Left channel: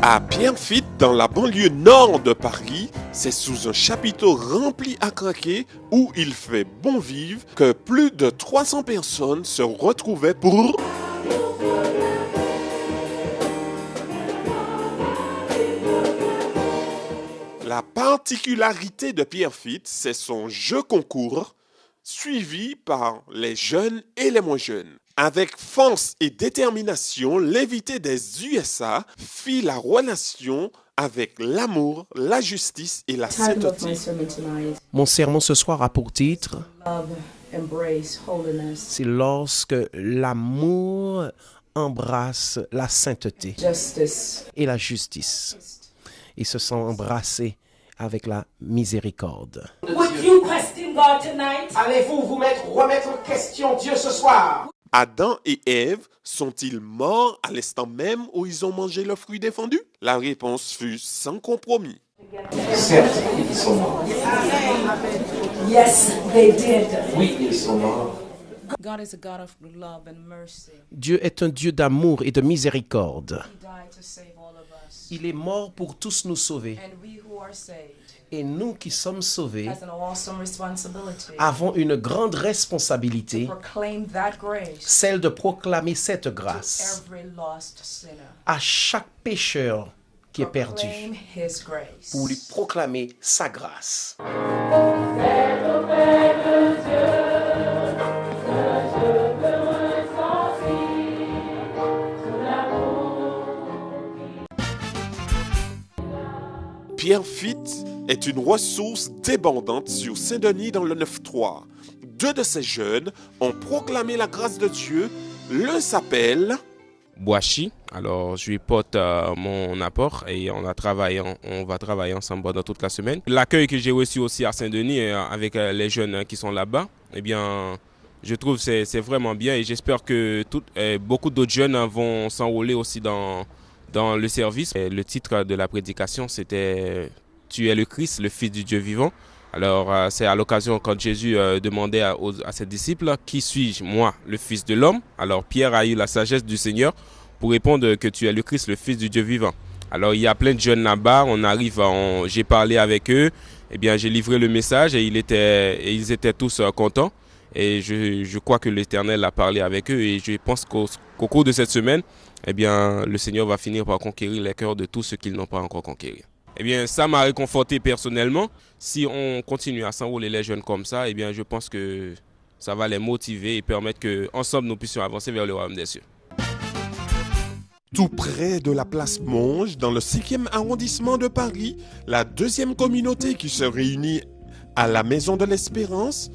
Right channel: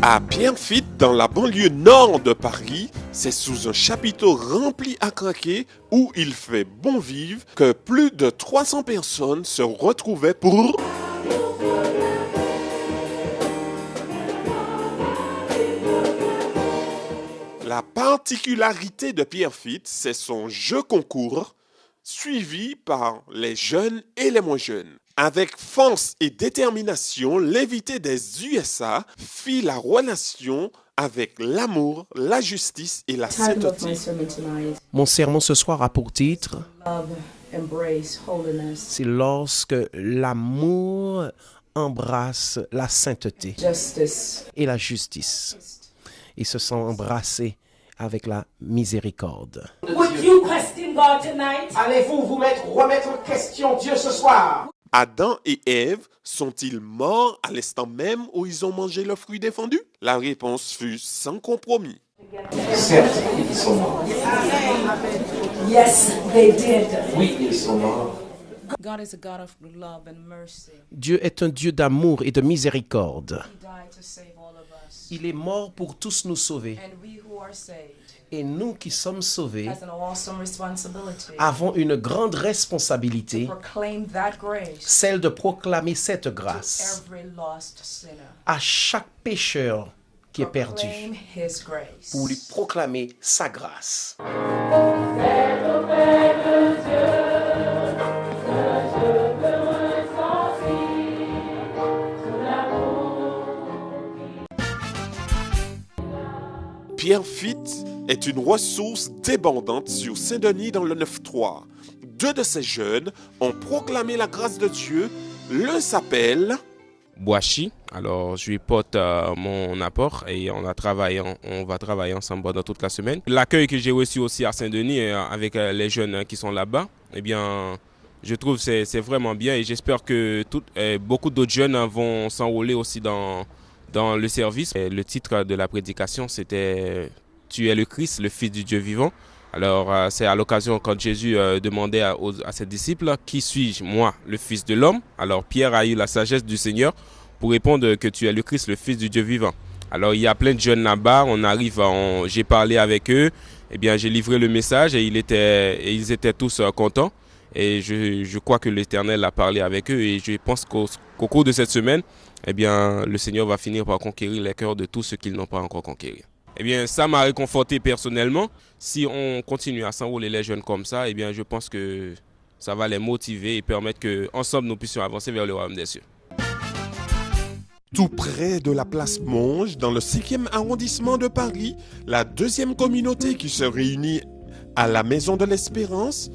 À Pierrefitte, dans la banlieue nord de Paris, c'est sous un chapiteau rempli à craquer où il fait bon vivre que plus de 300 personnes se retrouvaient pour... La particularité de Pierrefitte, c'est son jeu concours, suivi par les jeunes et les moins jeunes. Avec force et détermination, l'invité des USA fit la relation avec l'amour, la justice et la sainteté. Mon sermon ce soir a pour titre « C'est lorsque l'amour embrasse la sainteté et la justice. Ils se sont embrassés avec la miséricorde. » Allez-vous remettre en question Dieu ce soir? Adam et Ève sont-ils morts à l'instant même où ils ont mangé le fruit défendu? La réponse fut sans compromis. Certes, ils sont morts. Yes, they did. Oui, ils sont morts. God is a God of love and mercy. Dieu est un Dieu d'amour et de miséricorde. He died to save all of us. Il est mort pour tous nous sauver. And we who are saved Et nous qui sommes sauvés has an awesome responsibility avons une grande responsabilité, to proclaim that grace celle de proclamer cette to grâce every lost sinner. à chaque pécheur qui est perdu, Proclaim His grace. pour lui proclamer sa grâce. Pierrefitte est une ressource débordante sur Saint-Denis dans le 9-3. Deux de ces jeunes ont proclamé la grâce de Dieu. L'un s'appelle... Boachi. Alors, je lui porte mon apport et on va travailler ensemble pendant toute la semaine. L'accueil que j'ai reçu aussi à Saint-Denis avec les jeunes qui sont là-bas, eh bien, je trouve que c'est vraiment bien et j'espère que beaucoup d'autres jeunes vont s'enrôler aussi dans le service. Et le titre de la prédication, c'était « Tu es le Christ, le Fils du Dieu vivant ». Alors, c'est à l'occasion quand Jésus demandait à ses disciples « Qui suis-je, moi, le Fils de l'homme ?» Alors, Pierre a eu la sagesse du Seigneur pour répondre que tu es le Christ, le Fils du Dieu vivant. Alors, il y a plein de jeunes là-bas, j'ai parlé avec eux, eh bien, j'ai livré le message et ils étaient tous contents. Et je crois que l'Éternel a parlé avec eux et je pense qu'au cours de cette semaine, eh bien, le Seigneur va finir par conquérir les cœurs de tous ceux qui n'ont pas encore conquéri. Eh bien, ça m'a réconforté personnellement. Si on continue à s'enrôler les jeunes comme ça, eh bien, je pense que ça va les motiver et permettre qu'ensemble, nous puissions avancer vers le royaume des cieux. Tout près de la place Monge, dans le 5e arrondissement de Paris, la deuxième communauté qui se réunit à la Maison de l'Espérance,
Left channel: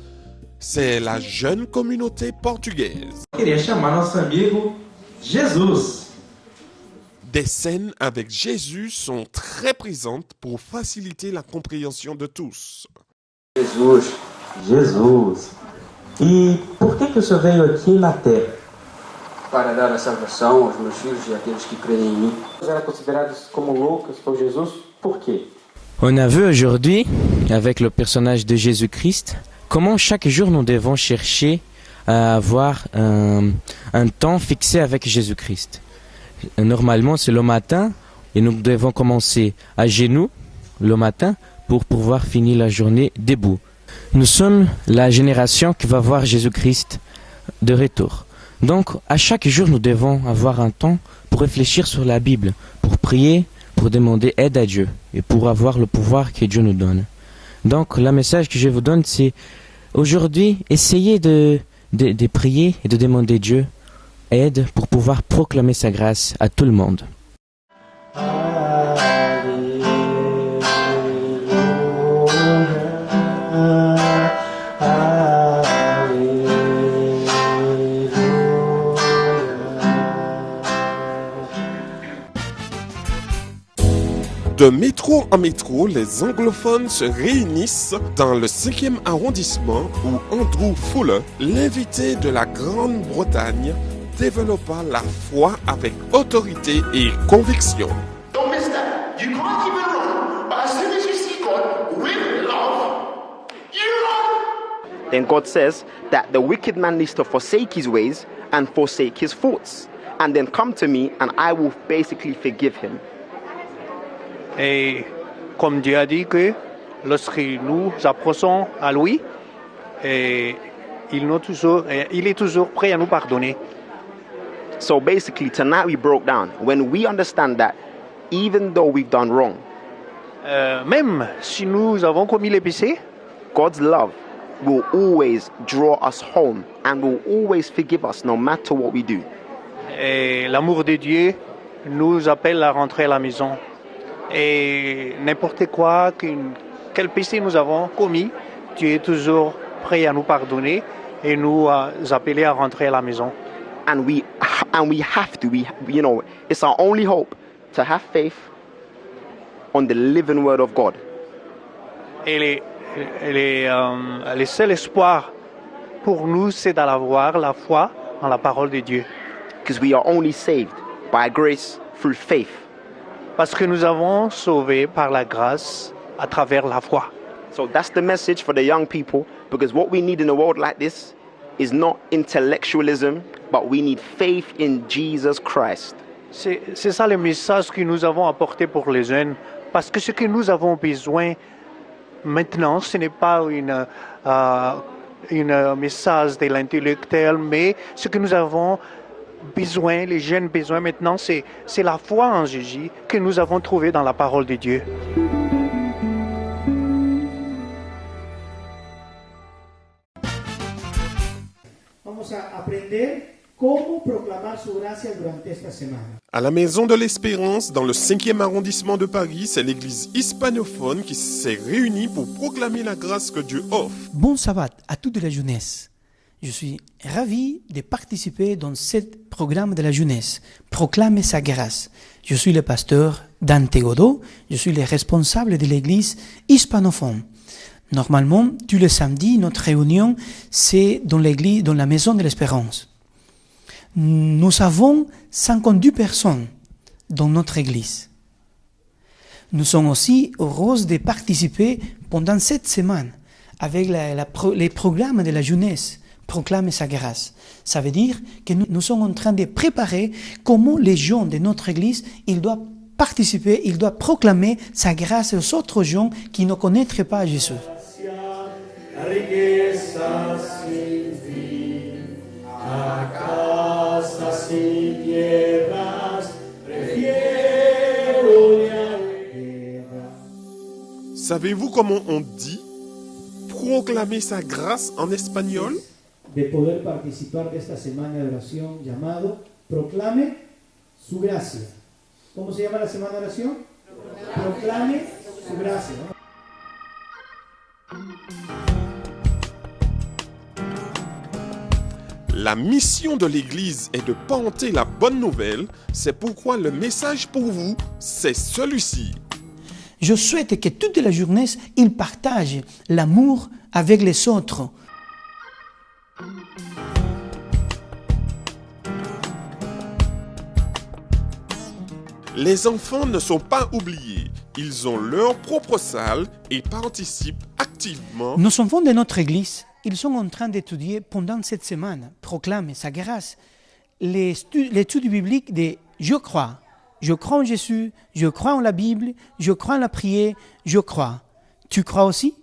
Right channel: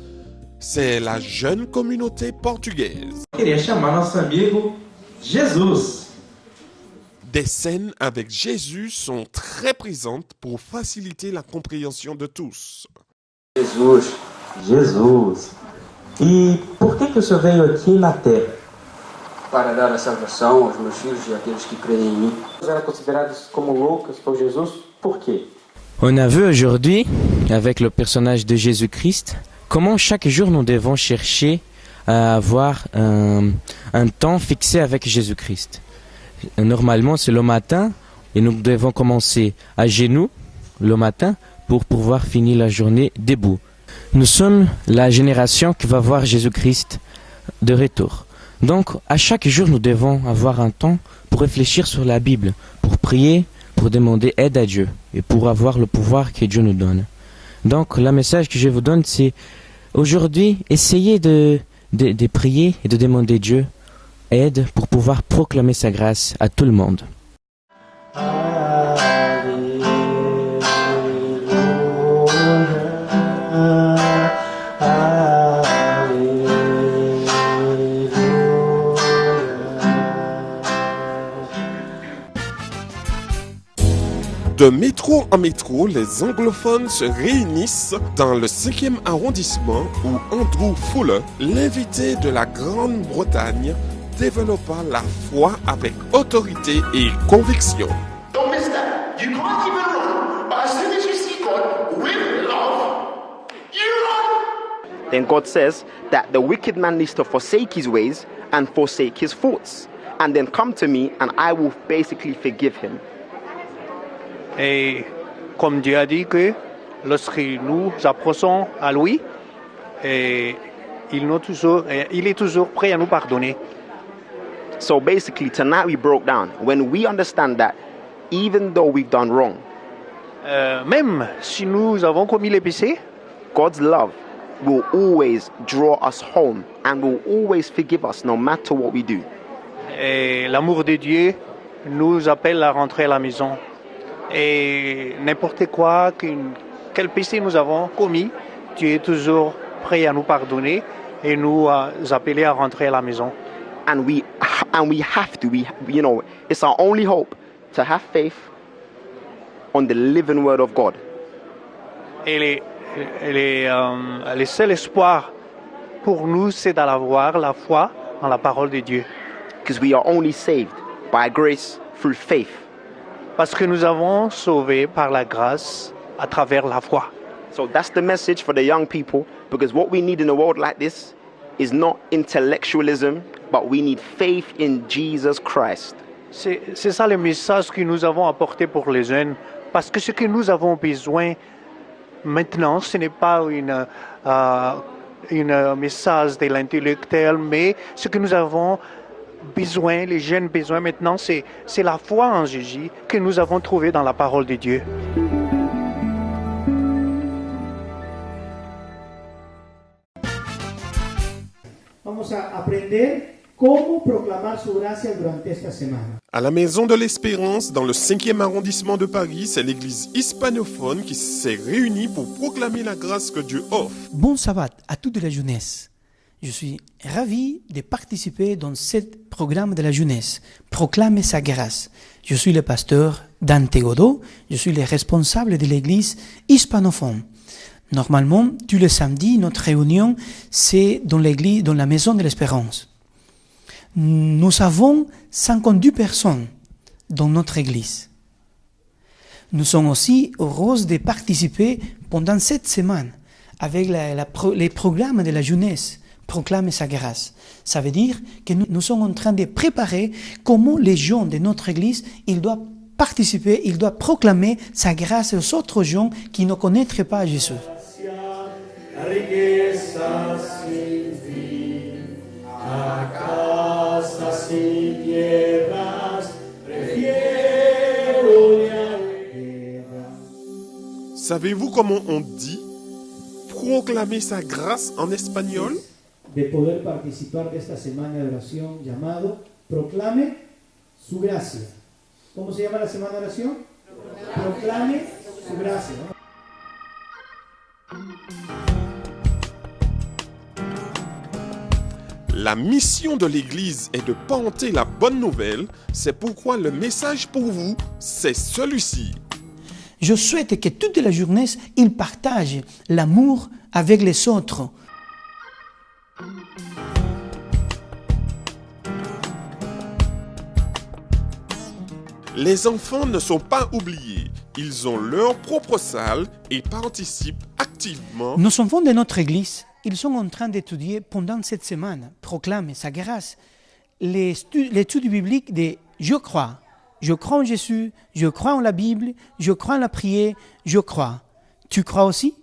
c'est la jeune communauté portugaise. Queria chamar nosso amigo Jesus. Des scènes avec Jésus sont très présentes pour faciliter la compréhension de tous. Jesus. E por que o Senhor veio aqui na terra? Para dar a salvação aos meus filhos e àqueles que creem em mim. Eram considerados como loucos por Jesus. Por quê? On a vu aujourd'hui, avec le personnage de Jésus-Christ, comment chaque jour nous devons chercher à avoir un temps fixé avec Jésus-Christ. Normalement, c'est le matin et nous devons commencer à genoux le matin pour pouvoir finir la journée debout. Nous sommes la génération qui va voir Jésus-Christ de retour. Donc, à chaque jour, nous devons avoir un temps pour réfléchir sur la Bible, pour prier, pour demander aide à Dieu et pour avoir le pouvoir que Dieu nous donne. Donc, le message que je vous donne, c'est aujourd'hui, essayez de prier et de demander Dieu aide pour pouvoir proclamer sa grâce à tout le monde. De métro en métro, les anglophones se réunissent dans le 5e arrondissement où Andrew Fuller, l'invité de la Grande-Bretagne, développa la foi avec autorité et conviction. Don't miss that. You can't even run, but as soon as you see God with love, you run. Then God says that the wicked man needs to forsake his ways and forsake his thoughts, and then come to me and I will basically forgive him. Et comme Dieu a dit que lorsque nous approchons à lui, et il est toujours prêt à nous pardonner. So basically, tonight we broke down. When we understand that, even though we've done wrong, même si nous avons commis les péchés, God's love will always draw us home and will always forgive us no matter what we do. et l'amour de Dieu nous appelle à rentrer à la maison. Et n'importe quoi, quel péché nous avons commis, Dieu est toujours prêt à nous pardonner et nous appeler à rentrer à la maison. And we have to, it's our only hope to have faith on the living word of God. Et le seul espoir pour nous, c'est d'avoir la foi en la parole de Dieu. Because we are only saved by grace through faith. Parce que nous avons sauvé par la grâce à travers la foi. So that's the message for the young people, because what we need in a world like this is not intellectualism, but we need faith in Jesus Christ. C'est ça le message que nous avons apporté pour les jeunes, parce que ce que nous avons besoin maintenant, ce n'est pas un message de l'intellectuel, mais ce que nous avons besoin, les jeunes besoin maintenant, c'est la foi en Jésus que nous avons trouvé dans la parole de Dieu. Vamos a aprender cómo proclamar su gracia durante esta semana. À la Maison de l'Espérance, dans le 5e arrondissement de Paris, c'est l'église hispanophone qui s'est réunie pour proclamer la grâce que Dieu offre. Bon sabbat à toute la jeunesse. Je suis ravi de participer dans ce programme de la jeunesse, Proclamer sa grâce. Je suis le pasteur Dante Godot, je suis le responsable de l'église hispanophone. Normalement, tous les samedis, notre réunion, c'est dans l'église, dans la Maison de l'Espérance. Nous avons 52 personnes dans notre église. Nous sommes aussi heureux de participer pendant cette semaine avec les programmes de la jeunesse, Proclamer sa grâce. Ça veut dire que nous sommes en train de préparer comment les gens de notre église, ils doivent participer, ils doivent proclamer sa grâce aux autres gens qui ne connaîtraient pas Jésus. Savez-vous comment on dit proclamer sa grâce en espagnol? De poder participar de esta semana de oración llamado Proclame su gracia. ¿Cómo se llama la semana de oración? Proclame su gracia. La mission de l'Église est de porter la bonne nouvelle. C'est pourquoi le message pour vous, c'est celui-ci. Je souhaite que toute la jeunesse, ils partagent l'amour avec les autres. Les enfants ne sont pas oubliés. Ils ont leur propre salle et participent activement. Nos enfants de notre église, ils sont en train d'étudier pendant cette semaine, proclamer sa grâce, l'étude biblique de « Je crois ». Je crois en Jésus, je crois en la Bible, je crois en la prière, je crois. Tu crois aussi?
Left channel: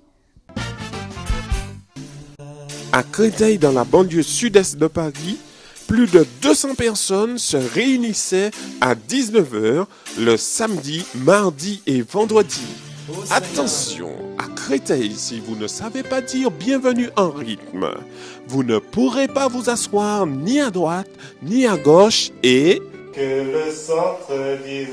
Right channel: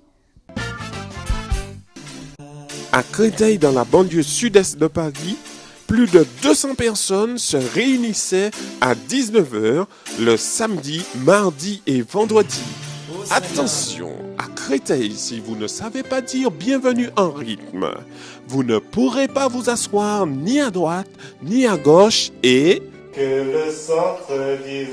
À Créteil, dans la banlieue sud-est de Paris, plus de 200 personnes se réunissaient à 19h le samedi, mardi et vendredi. Attention, à Créteil, si vous ne savez pas dire bienvenue en rythme, vous ne pourrez pas vous asseoir ni à droite ni à gauche et... Que le centre dise.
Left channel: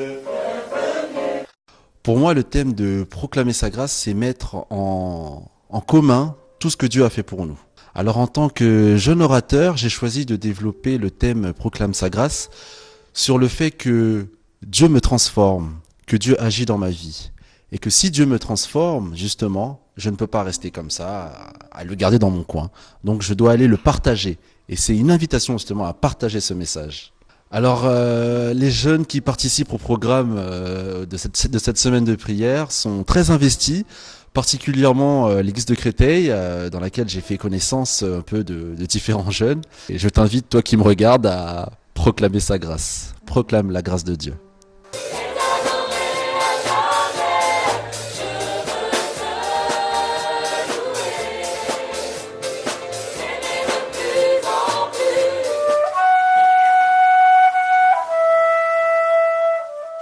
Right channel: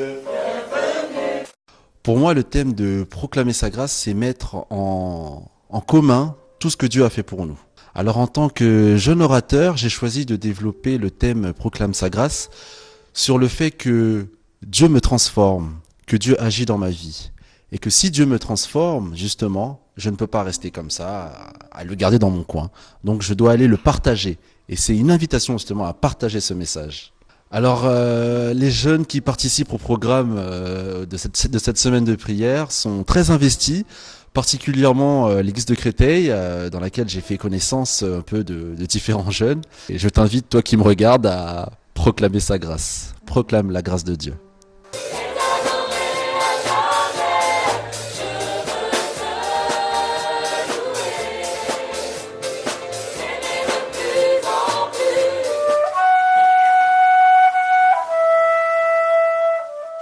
Pour moi, le thème de proclamer sa grâce, c'est mettre en commun tout ce que Dieu a fait pour nous. Alors en tant que jeune orateur, j'ai choisi de développer le thème proclame sa grâce sur le fait que Dieu me transforme, que Dieu agit dans ma vie. Et que si Dieu me transforme, justement, je ne peux pas rester comme ça, à le garder dans mon coin. Donc je dois aller le partager. Et c'est une invitation justement à partager ce message. Alors, les jeunes qui participent au programme de cette semaine de prière sont très investis, particulièrement l'église de Créteil, dans laquelle j'ai fait connaissance un peu de différents jeunes. Et je t'invite, toi qui me regardes, à proclamer sa grâce. Proclame la grâce de Dieu.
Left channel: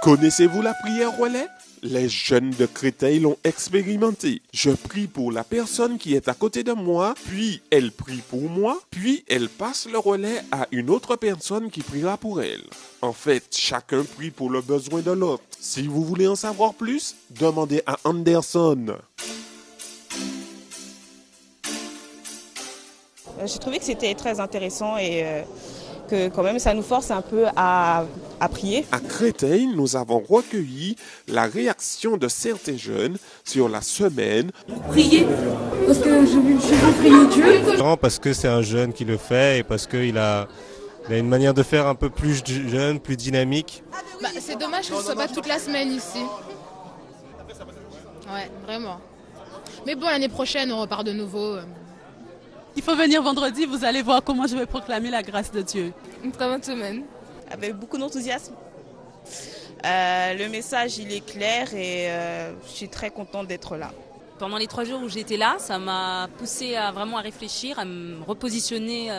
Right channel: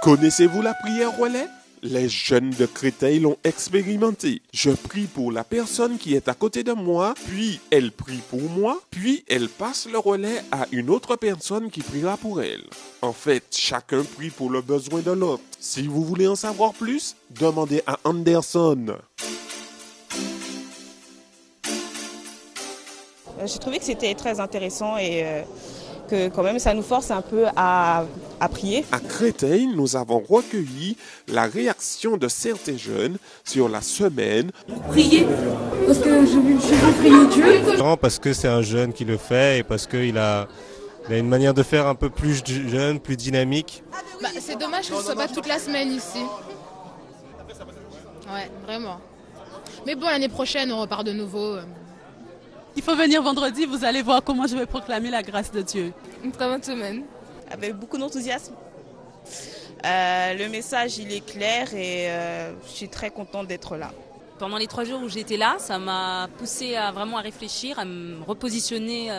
Connaissez-vous la prière relais? Les jeunes de Créteil l'ont expérimenté. Je prie pour la personne qui est à côté de moi, puis elle prie pour moi, puis elle passe le relais à une autre personne qui priera pour elle. En fait, chacun prie pour le besoin de l'autre. Si vous voulez en savoir plus, demandez à Anderson. J'ai trouvé que c'était très intéressant et que quand même ça nous force un peu à prier. À Créteil, nous avons recueilli la réaction de certains jeunes sur la semaine. Prier, parce que je veux prier Dieu. Non, parce que c'est un jeune qui le fait et parce qu'il a une manière de faire un peu plus jeune, plus dynamique. C'est dommage que ce soit pas toute la semaine ici. Ouais, vraiment. Mais bon, l'année prochaine, on repart de nouveau. Il faut venir vendredi, vous allez voir comment je vais proclamer la grâce de Dieu. Une très bonne semaine. Avec beaucoup d'enthousiasme. Le message, il est clair et je suis très contente d'être là. Pendant les 3 jours où j'étais là, ça m'a poussée à vraiment réfléchir, à me repositionner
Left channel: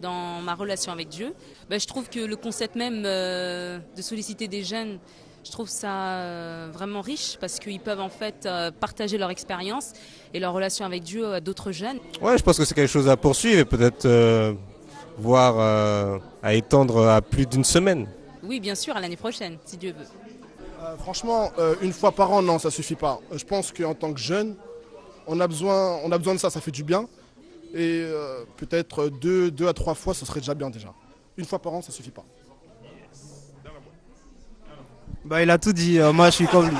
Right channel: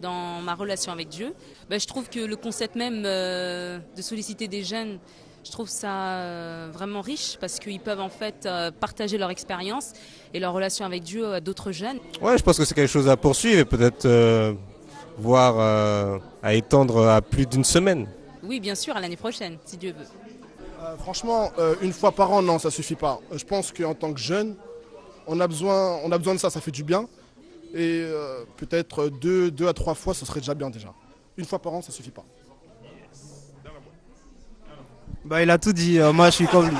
dans ma relation avec Dieu. Je trouve que le concept même de solliciter des jeunes, je trouve ça vraiment riche parce qu'ils peuvent en fait partager leur expérience et leur relation avec Dieu à d'autres jeunes. Ouais, je pense que c'est quelque chose à poursuivre et peut-être voire à étendre à plus d'une semaine. Oui, bien sûr, à l'année prochaine, si Dieu veut. Franchement, une fois par an, non, ça suffit pas. Je pense qu'en tant que jeune, on a besoin de ça fait du bien. Et peut-être 2 à 3 fois, ce serait déjà bien déjà. Une fois par an, ça suffit pas. Il a tout dit, moi je suis comme lui.